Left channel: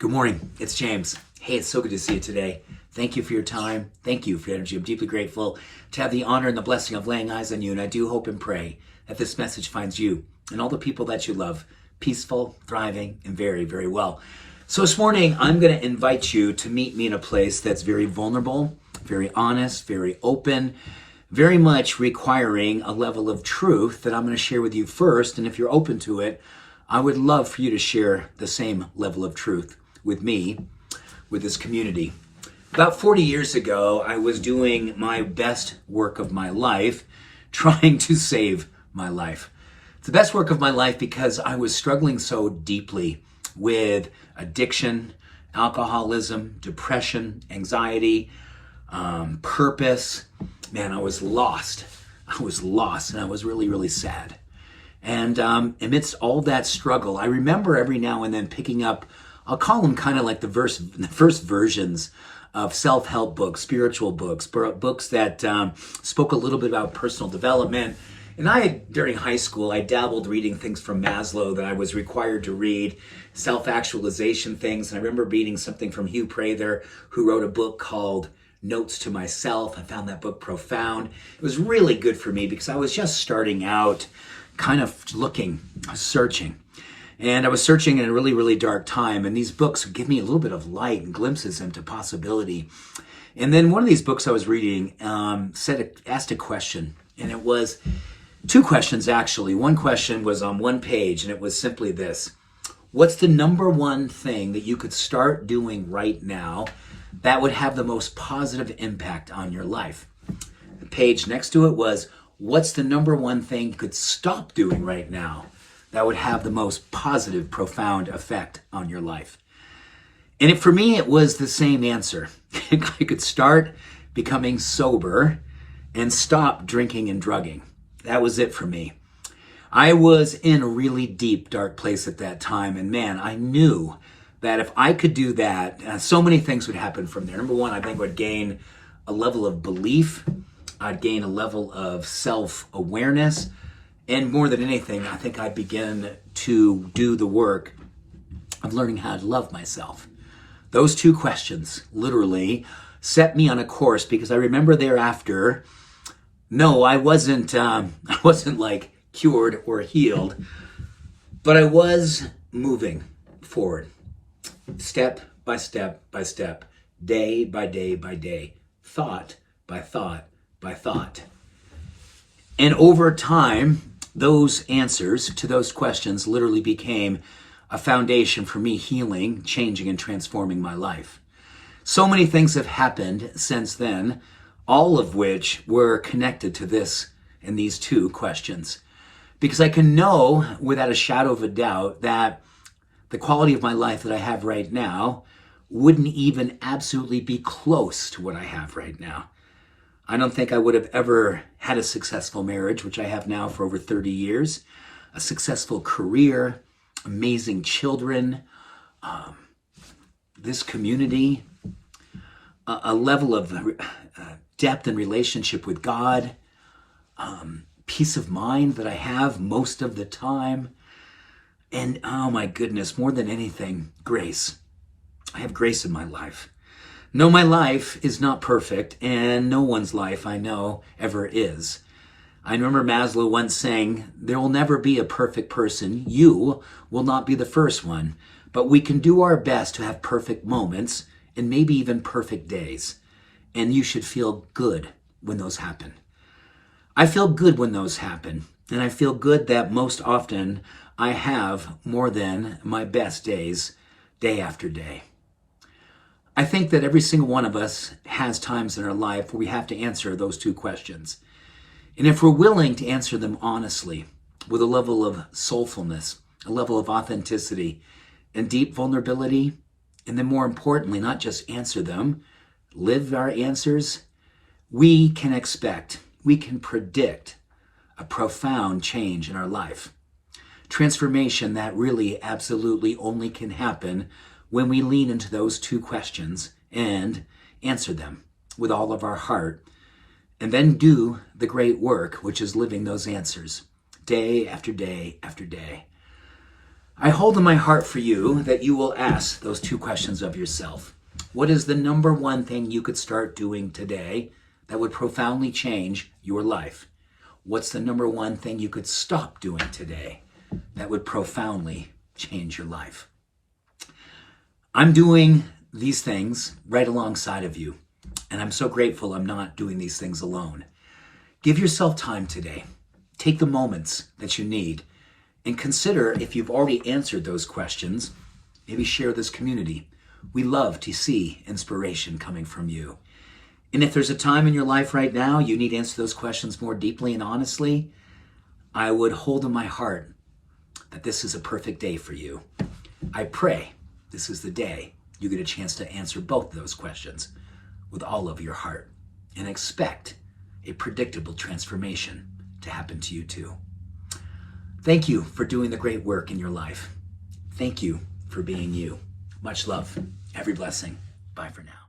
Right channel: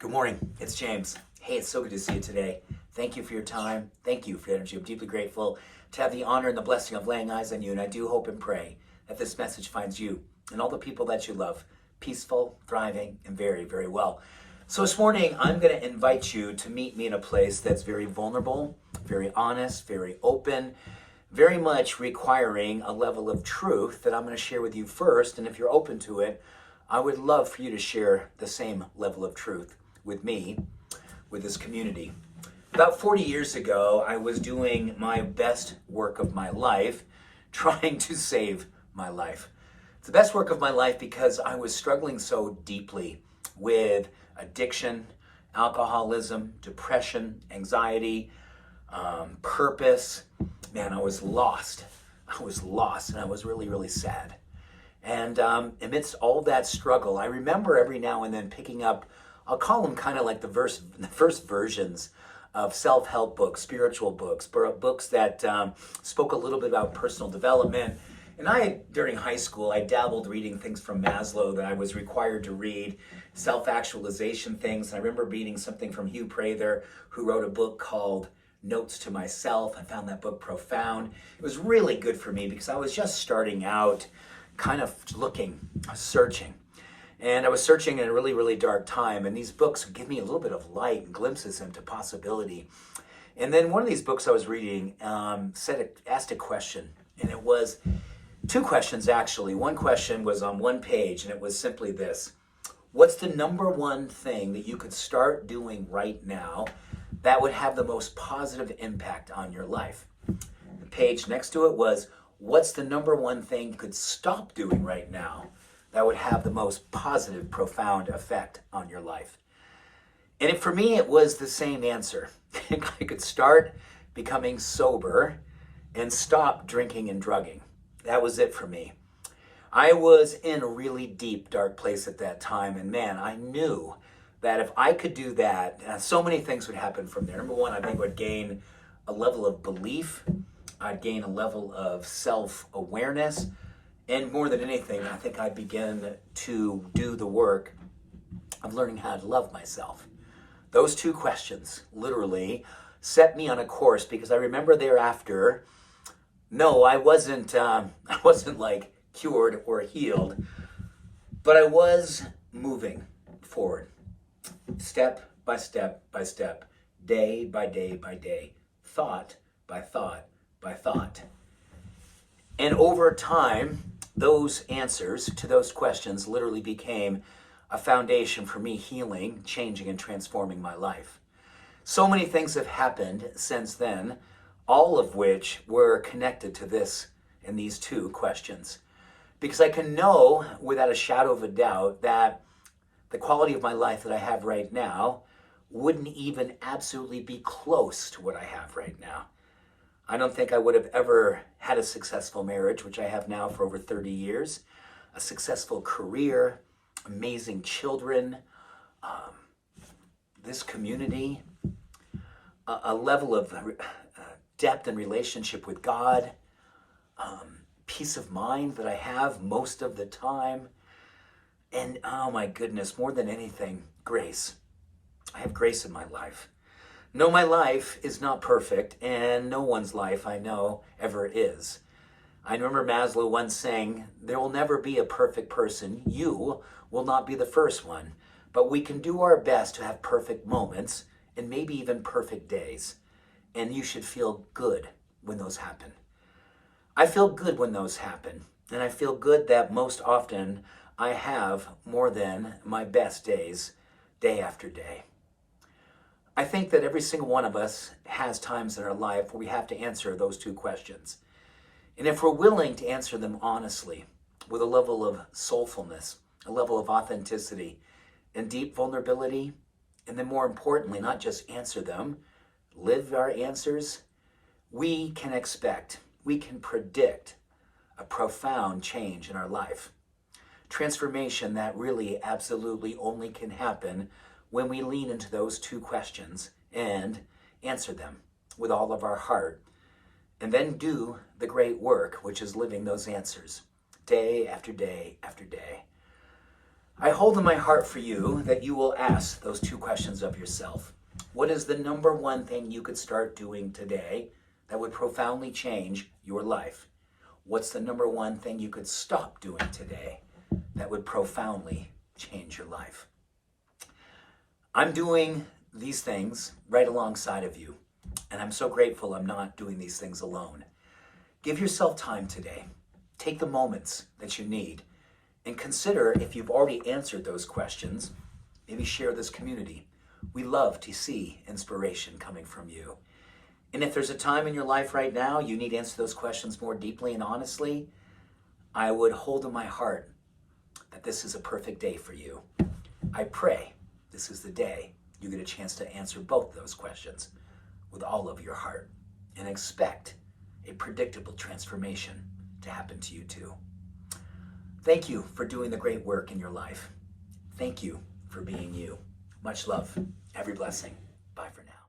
Good morning. It's James. Hey, it's so good to see you today. Thank you for your time. Thank you for your energy. I'm deeply grateful to have the honor and the blessing of laying eyes on you. And I do hope and pray that this message finds you and all the people that you love peaceful, thriving, and very, very well. So this morning, I'm going to invite you to meet me in a place that's very vulnerable, very honest, very open, very much requiring a level of truth that I'm going to share with you first. And if you're open to it, I would love for you to share the same level of truth with me, with this community. About 40 years ago, I was doing my best work of my life, trying to save my life. It's the best work of my life because I was struggling so deeply with addiction, alcoholism, depression, anxiety, purpose. Man, I was lost. And I was really, really sad. And amidst all that struggle, I remember every now and then picking up, I'll call them kind of like the first versions of self-help books, spiritual books, books that spoke a little bit about personal development. And during high school, I dabbled reading things from Maslow that I was required to read, self-actualization things. And I remember reading something from Hugh Prather, who wrote a book called Notes to Myself. I found that book profound. It was really good for me because I was just starting out, kind of searching. And I was searching in a really, really dark time. And these books give me a little bit of light and glimpses into possibility. And then one of these books I was reading asked a question. And it was two questions, actually. One question was on one page, and it was simply this. What's the number one thing that you could start doing right now that would have the most positive impact on your life? The page next to it was, what's the number one thing you could stop doing right now that would have the most positive, profound effect on your life? And for me, it was the same answer. I could start becoming sober and stop drinking and drugging. That was it for me. I was in a really deep, dark place at that time. And man, I knew that if I could do that, so many things would happen from there. Number one, I think I would gain a level of belief. I'd gain a level of self-awareness. And more than anything, I think I'd begin to do the work of learning how to love myself. Those two questions literally set me on a course, because I remember thereafter, no, I wasn't like cured or healed, but I was moving forward, step by step by step, day by day by day, thought by thought by thought. And over time, those answers to those questions literally became a foundation for me healing, changing, and transforming my life. So many things have happened since then, all of which were connected to this and these two questions. Because I can know without a shadow of a doubt that the quality of my life that I have right now wouldn't even absolutely be close to what I have right now. I don't think I would have ever had a successful marriage, which I have now for over 30 years, a successful career, amazing children, this community, a level of depth and relationship with God, peace of mind that I have most of the time, and oh my goodness, more than anything, grace. I have grace in my life. No, my life is not perfect, and no one's life I know ever is. I remember Maslow once saying, there will never be a perfect person. You will not be the first one, but we can do our best to have perfect moments and maybe even perfect days. And you should feel good when those happen. I feel good when those happen, and I feel good that most often I have more than my best days, day after day. I think that every single one of us has times in our life where we have to answer those two questions. And if we're willing to answer them honestly, with a level of soulfulness, a level of authenticity, and deep vulnerability, and then more importantly, not just answer them, live our answers, we can predict a profound change in our life. Transformation that really absolutely only can happen when we lean into those two questions and answer them with all of our heart, and then do the great work, which is living those answers day after day after day. I hold in my heart for you that you will ask those two questions of yourself. What is the number one thing you could start doing today that would profoundly change your life? What's the number one thing you could stop doing today that would profoundly change your life? I'm doing these things right alongside of you, and I'm so grateful I'm not doing these things alone. Give yourself time today. Take the moments that you need and consider if you've already answered those questions. Maybe share this community. We love to see inspiration coming from you. And if there's a time in your life right now you need to answer those questions more deeply and honestly, I would hold in my heart that this is a perfect day for you. I pray this is the day you get a chance to answer both of those questions with all of your heart and expect a predictable transformation to happen to you too. Thank you for doing the great work in your life. Thank you for being you. Much love. Every blessing. Bye for now.